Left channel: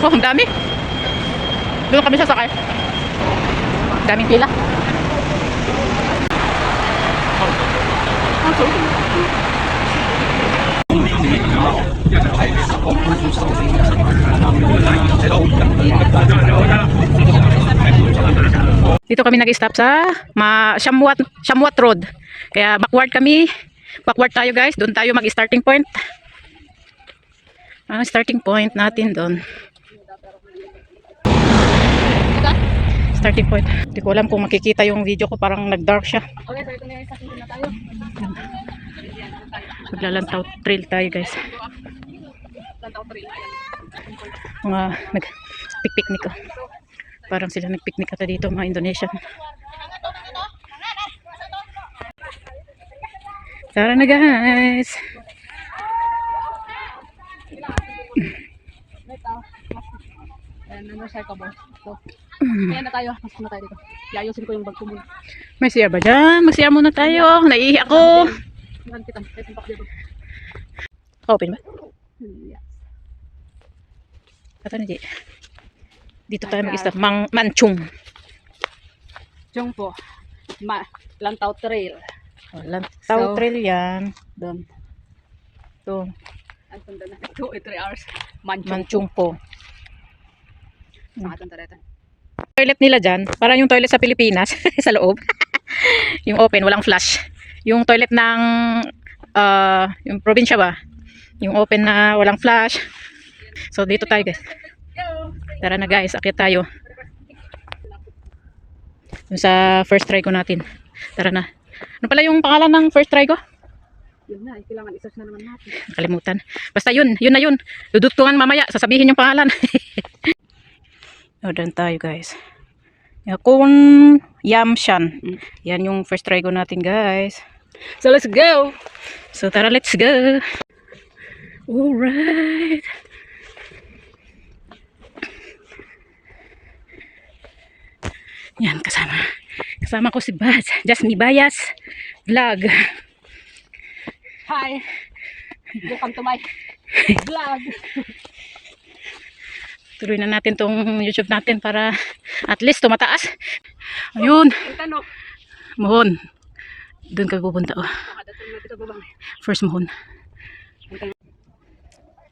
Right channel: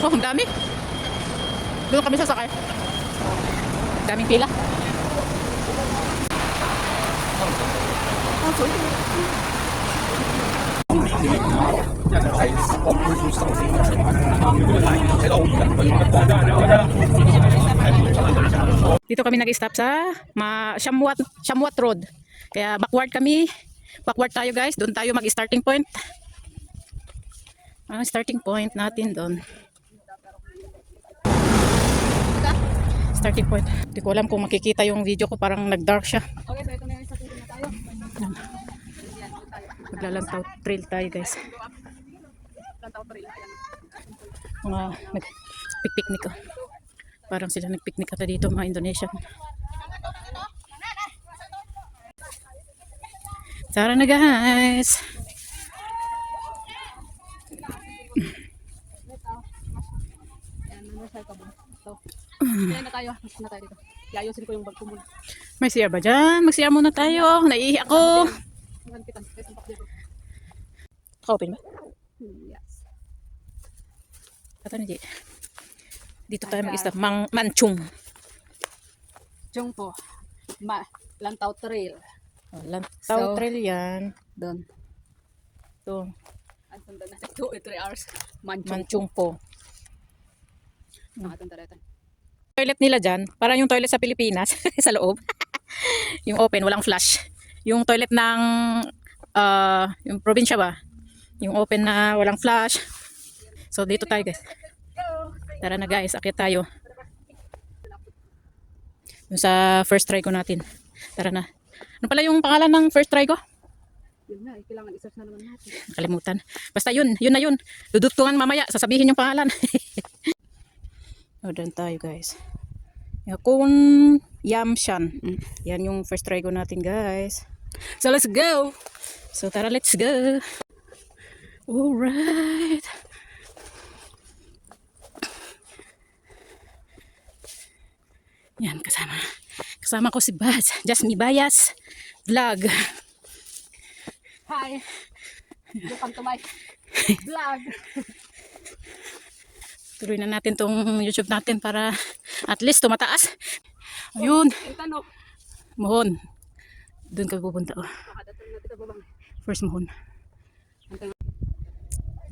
Oh, ang dami. Doon kami sasakay. Daming pila. Dito kami nag-stop sa Shamwat Road. Kaya backward kami. Backward tayo guys. Doon tayo mag-starting point. Starting point natin doon. Starting point. Hindi ko alam kung makikita yung video ko. Parang nag-dark siya. Maglalantaw trail tayo guys. Mga nag-picnic ko. Parang sila nag-picnic ata dito mga Indonesian. Tara na guys. Ayan na tayo. Mas na tayo dito. Iayusin ko yung bag ko muna. May siya ba dyan? Mag-siya muna tayo. Naiihi ako. Ka-open ba? Yes. Ito na di. Dito tayo mag-stop. Manchung. Jung po. Lantaw Trail. Lantaw trail yan. Doon. Ito. Ang sundan na 2-3 hours. Manchung po. Nakatang tareta. Toilet nila dyan. Parang yung toilet sa Pilipinas. Sa loob. Yung open. Walang flush. Yung toilet ng yung probinsya ba? Yung open na walang flush. So dito tayo guys. Tara na guys. Akit tayo. Yung sa first try ko natin. Tara na. Ano pala yung pangalan ng first try ko? Yun na. Kailangan i-search na naman natin. Kalimutan. Basta yun. Yun na yun. Dudutungan mamaya. Sasabihin yung pangalan. O, dyan tayo guys. Kun Yamshan. Yan yung first try ko natin guys. So let's go! So tara, let's go. Alright. Yan, kasama ko si Baz. Jasmine Bayas Vlog. Hi! Welcome to my vlog! Tuloy na natin tong YouTube natin para at least tumataas. Ayun. Tanong. Mohon. Doon ka pupunta. Oh. First Mohon.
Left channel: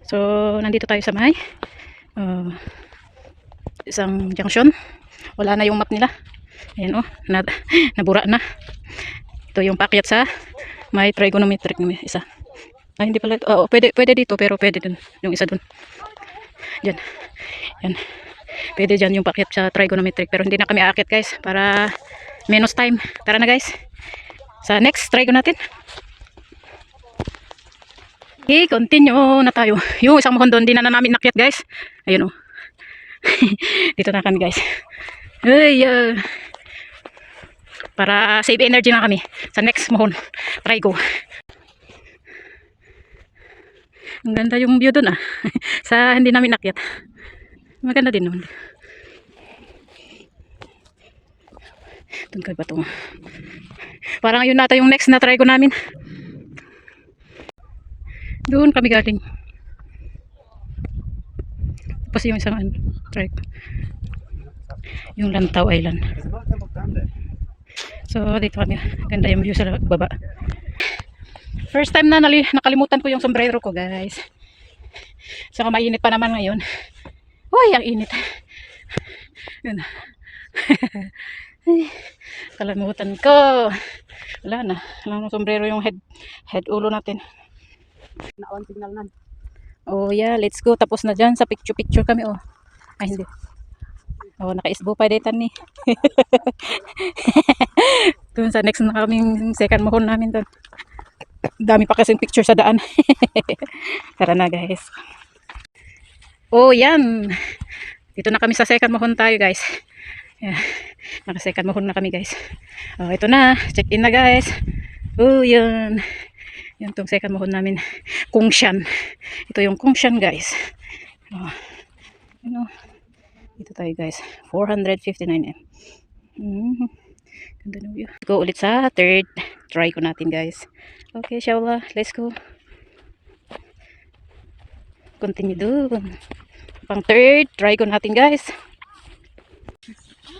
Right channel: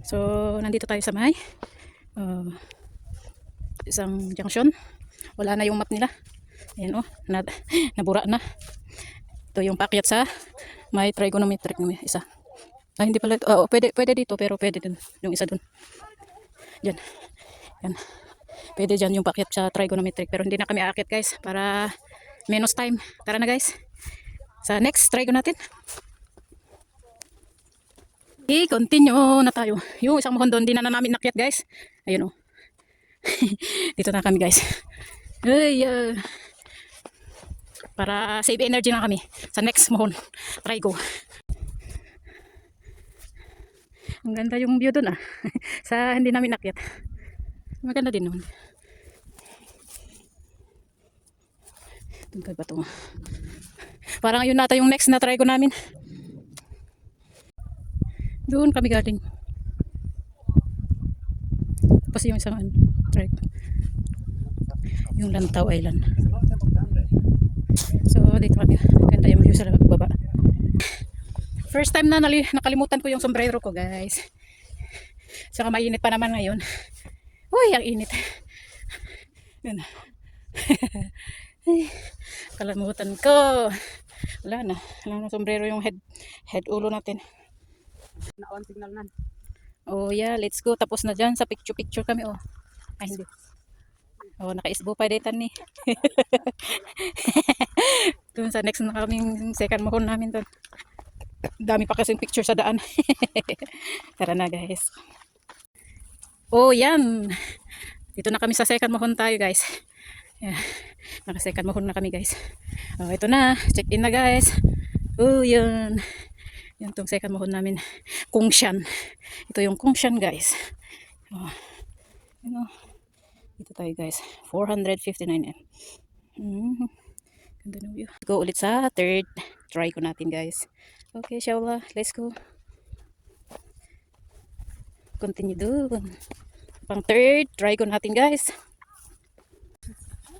So, nandito tayo sa may isang junction. Wala na yung map nila. Ayan oh, nabura na. Ito yung paakyat sa may trigonometric na isa. Ay, hindi pala. Oh, pwede dito pero pwede dun. Yung isa dun. Yan. Yan. Pwede dyan yung paakyat sa trigonometric pero hindi na kami aakyat guys para menos time. Tara na guys. Sa next trigo natin. Okay, continue na tayo. Yung isang mohon doon, di na namin nakyat guys. Ayun oh. Dito na kami guys. Ay, para save energy na kami sa next mohon. Try go. Ang ganda yung view doon ah. Sa hindi namin nakyat. Maganda din naman. Doon ka ba ito? Parang yun nata yung next na try ko namin. Doon kami galing. Tapos yung isang try ko. Yung Lantaw Island. So dito kami. Ganda yung view sa baba. First time na nakalimutan ko yung sombrero ko guys. Saka mainit pa naman ngayon. Uy, ang init. Yun. Kalimutan ko. Wala na. Wala na sombrero yung head ulo natin. Na-on signal na. Oh yeah, let's go. Tapos na dyan sa picture kami oh. Ay hindi. Oh, naka-isbo pa dito ni. Doon sa next na kaming second mohon namin doon. Dami pa kasing picture sa daan. Tara na guys. Oh yan. Dito na kami sa second mohon tayo guys. Yeah. Naka second mohon na kami guys. Oh, ito na. Check in na guys. Oh yan. Yan tong second mohon namin. Kungshan. Ito yung Kungshan guys. Oh. You know. Dito tayo guys. 459 m. Ganda ng view. Go ulit sa third try ko natin guys. Okay, inshallah. Let's go. Continue doon. Pang third, trigon natin guys.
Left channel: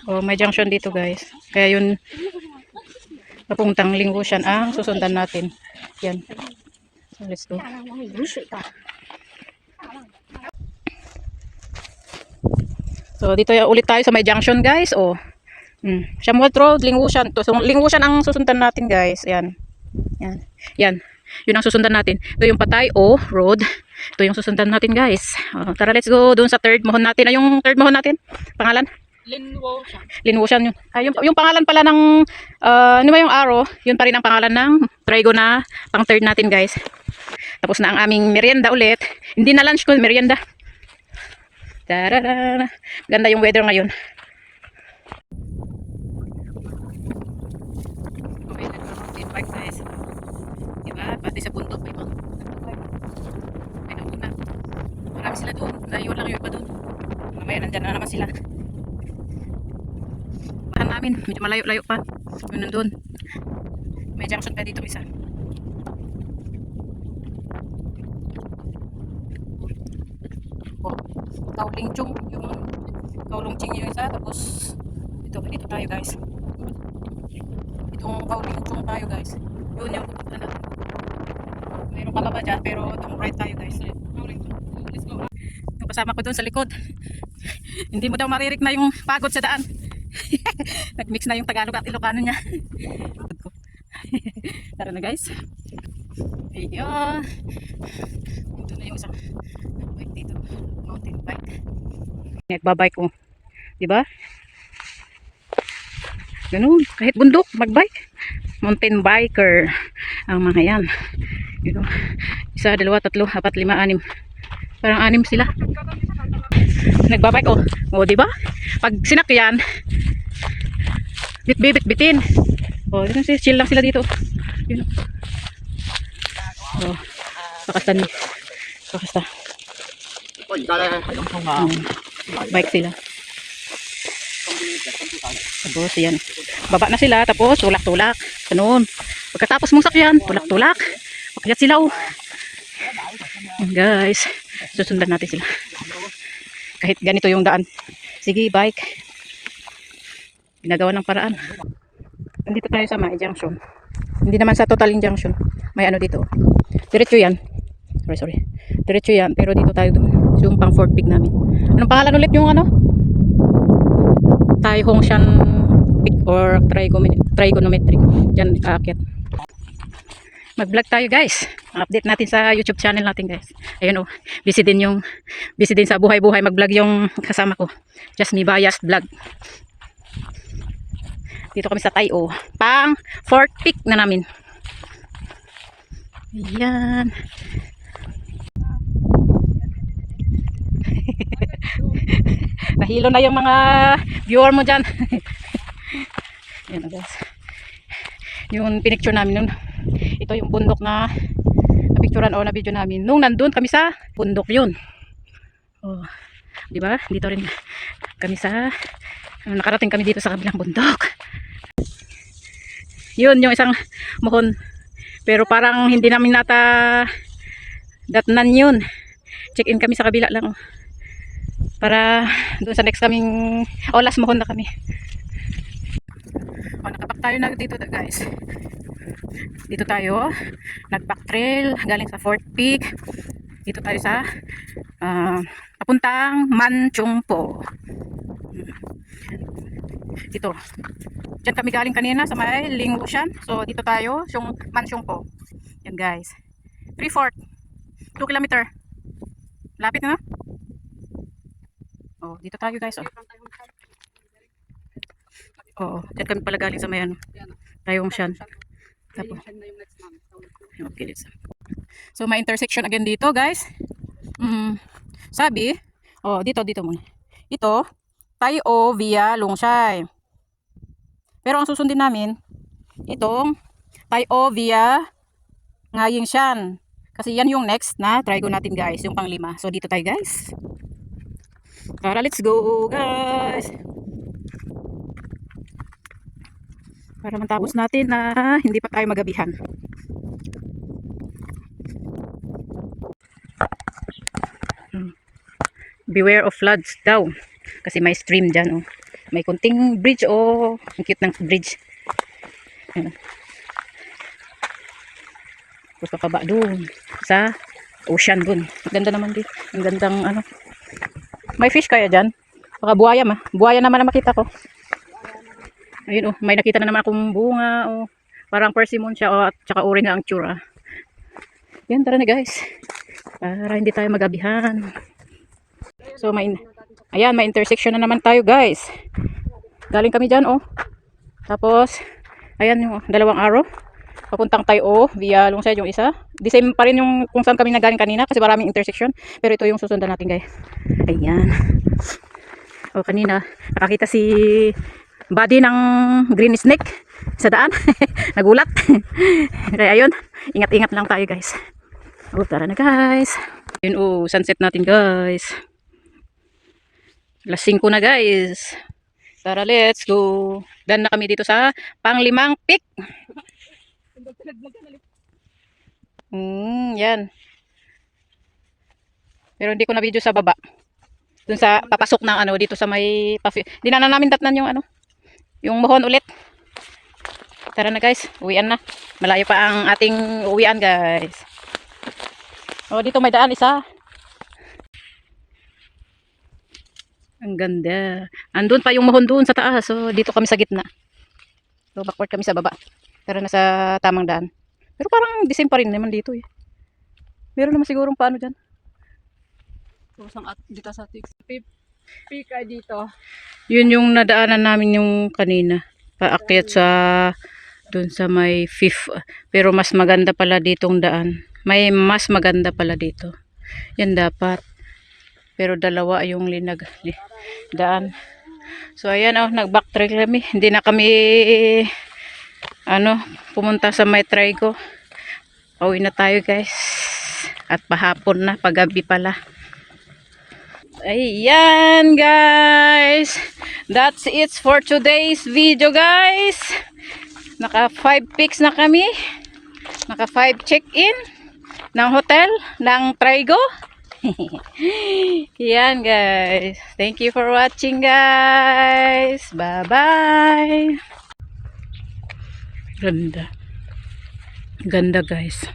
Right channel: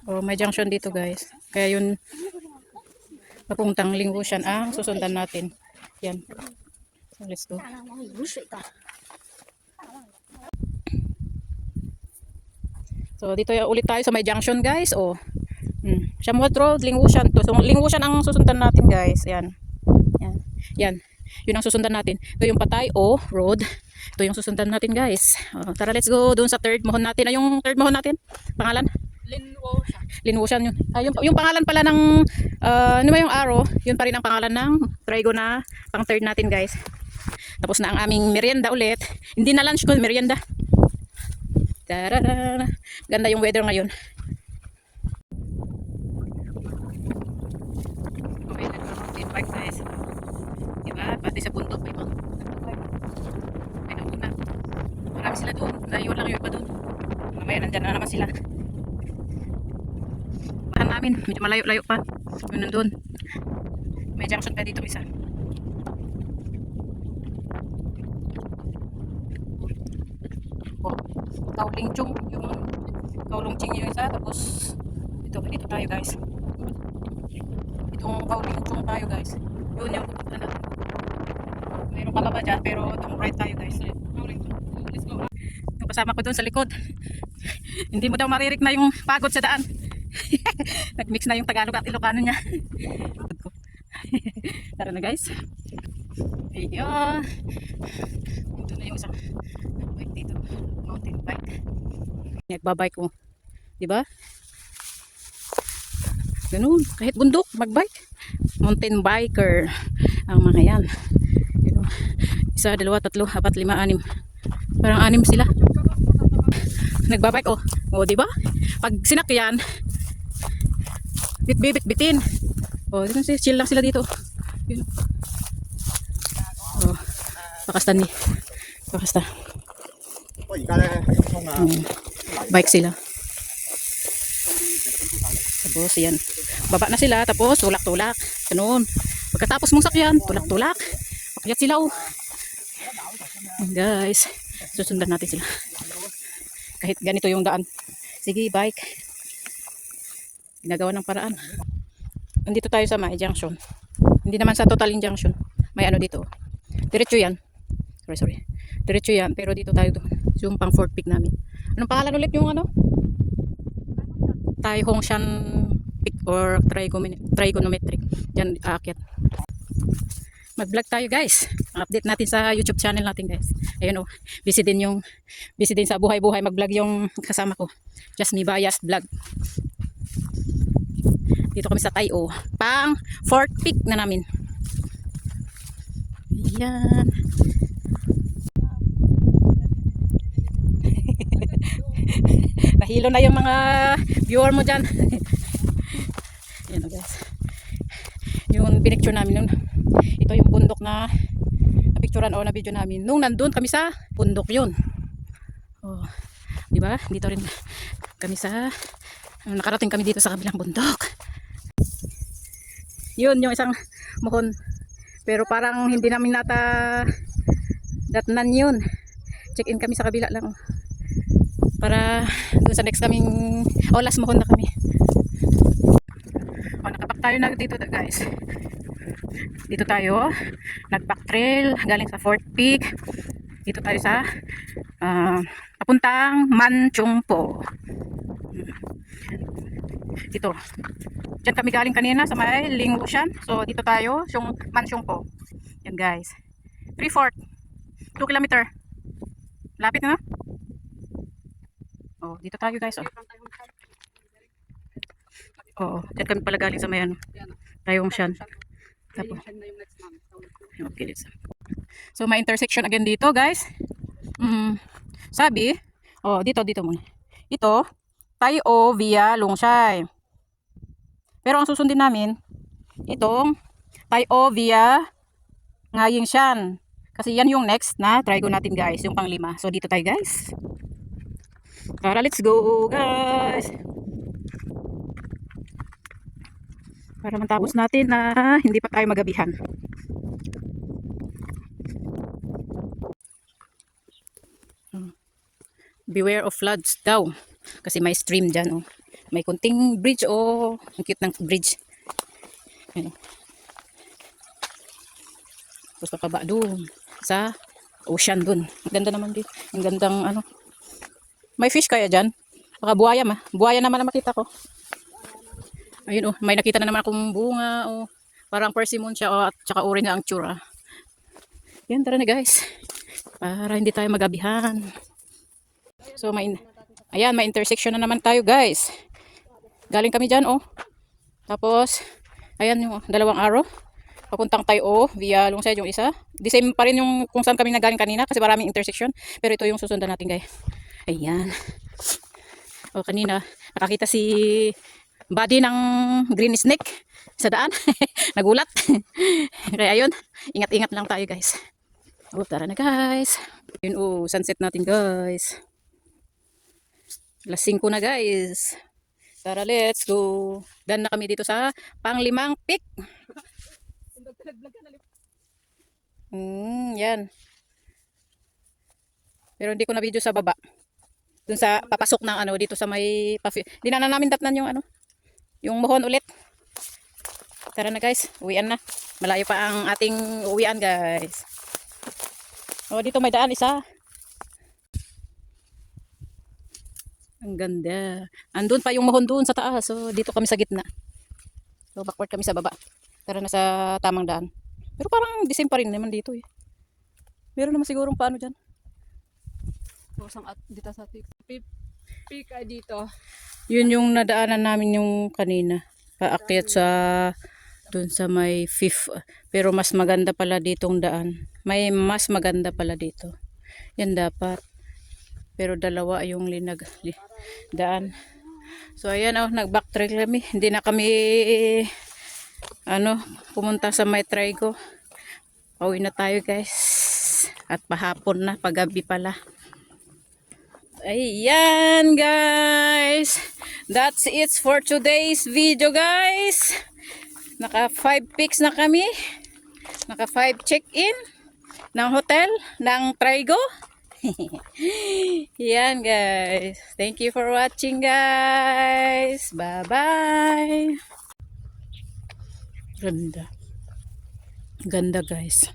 Oh, may junction dito guys. Kaya yun, papuntang Lingusian ang susundan natin. Yan. So, let's go. So, dito ulit tayo sa may junction guys. Oh. Shamuat Road, Lingusian. So, Lingusian ang susundan natin guys. Yan. Yan. Yan. Yun ang susundan natin. Ito yung Patay O Road. Ito yung susundan natin guys. Tara, let's go doon sa third mohon natin. Ay, yung third mohon natin. Pangalan? Linwushan yun. Yung pangalan pala ng ano ba yung arrow, yun pa rin ang pangalan ng trigo na pang third natin guys. Tapos na ang aming merienda ulit. Hindi na lunch ko, merienda. Tarara. Ganda yung weather ngayon. Okay, nag-mountain bike guys. Diba? Pati sa bundok may mga ay nauna. Marami sila doon. Naiwan lang yung iba doon. Mamaya nandyan na naman sila. Namin, medyo malayo-layo pa. Yun nandun. May junction pa dito isa. Oh, Kauling Chung, yung Kaulong Ching yung isa, tapos dito tayo guys. Itong Kauling Chung tayo guys. Yun yung pupunta natin. Mayroon pa ba dyan, pero itong right tayo guys. Let's go. Yung kasama ko dun sa likod. Hindi mo daw maririk na yung pagod sa daan. Nagmix na yung Tagalog at Ilocano niya. Tara na guys. Ayun. Ito na yung isang bike dito. Mountain bike. Nagbabike ko. Diba? Ganun. Kahit bundok, magbike. Mountain biker. Ang mga yan. Yun. Isa, dalawa, tatlo, apat, lima, anim. Parang anim sila. Nagbabike ko. O, diba? Pag sinakyan, bit-bitin. Oh, chill lang sila dito. Yun. Oh, pakasta ni. Pakasta. Bike sila. Tapos yan. Baba na sila, tapos tulak-tulak. Ganun. Pagkatapos mong sakyan, tulak-tulak. Pakyat sila oh. Guys, susundan natin sila. Kahit ganito yung daan. Sige, bike. Ginagawa ng paraan. Nandito tayo sa May Junction. Hindi naman sa Total Junction. May ano dito. Diretso yan. Sorry. Diretso yan. Pero dito tayo doon. Yung pang fourth peak namin. Anong pangalan ulit yung ano? Tai Hong Shan Peak or Trigonometric. Diyan aakyat. Mag-vlog tayo guys. Update natin sa YouTube channel natin guys. Ayun oh. Busy din sa buhay-buhay mag-vlog yung kasama ko. Just Me Bias Vlog. Dito kami sa Tayo. Pang fourth peak na namin. Ayan. Nahilo na yung mga viewer mo dyan. Ayan na guys. Yung pinicture namin nun. Ito yung bundok na napicturean o na video namin. Nung nandun kami sa bundok yun. Oh, diba? Dito rin kami sa nakarating kami dito sa kabilang bundok. Yun yung isang muhon. Pero parang hindi namin datnan yun. Check in kami sa kabila lang. Para doon sa next kaming last muhon na kami. Nakapak tayo na dito guys. Dito tayo. Nag-back trail galing sa fourth peak. Dito tayo sa papuntang Manchungpo. Dito. Diyan kami galing kanina sa may Lingusian. So dito tayo, yung Manchungpo. Yan guys. 3/4. 2 kilometer. Lapit na. Oh, dito tayo guys. Oo, diyan kami pala galing sa may ano. Tayong Shan. Tapos. Okay, let's. So may intersection again dito guys. Sabi, dito muna. Ito, Tayo via Lungshay. Pero ang susundin namin, itong Tayo via Ngaying Shan. Kasi yan yung next na try ko natin guys, yung pang-5. So dito tayo guys. Tara, let's go guys. Para matapos natin na hindi pa tayo magabihan. beware of floods daw. Kasi may stream dyan, oh. May kunting bridge, oh. Ang cute ng bridge. Ayan. Tapos papaba doon sa ocean doon. Ang ganda naman dito. Ang gandang ano. May fish kaya dyan? Baka buhaya ma. Buhaya naman na makita ko. Ayun, oh. May nakita na naman akong bunga, oh. Parang persimmon siya, oh. At saka orange ang tsura. Yan, tara na guys. Para hindi tayo magabihan. So, ayan, may intersection na naman tayo guys. Galing kami dyan, oh. Tapos, ayan yung dalawang arrow. Papuntang tayo, oh, via long side yung isa. The same pa rin yung kung saan kami nagaling kanina kasi maraming intersection. Pero ito yung susundan natin guys. Ayan. Oh, kanina, nakakita si body ng green snake sa daan. Nagulat. Kaya ayun, ingat-ingat lang tayo guys. Oh, tara na guys. Yun, oh, sunset natin guys. Alas 5 na guys. Tara, let's go. Dan na kami dito sa panglimang peak. Yan. Pero hindi ko na video sa baba. Dun sa papasok ng ano dito sa may di na namin datnan yung ano. Yung mohon ulit. Tara na guys, uwian na. Malayo pa ang ating uwian guys. Oh, dito may daan isa. Ang ganda. Andun pa yung mahon doon sa taas. So, dito kami sa gitna. So, backward kami sa baba. Tara na sa tamang daan. Pero parang the same pa rin naman dito eh. Meron naman sigurong paano dyan. Dito sa pika dito. Yun yung nadaanan namin yung kanina. Paakyat sa dun sa may fifth. Pero mas maganda pala ditong daan. May mas maganda pala dito. Yan dapat. Pero dalawa yung daan. So ayan, oh, nag-backtrack kami. Hindi na kami pumunta sa may Trigo. Pauwi na tayo guys. At pahapon na, paggabi pala. Ayan guys. That's it for today's video guys. Naka 5 pics na kami. Naka 5 check-in ng hotel ng Trigo. Yan guys. Thank you for watching guys. Bye bye. Ganda. Ganda guys.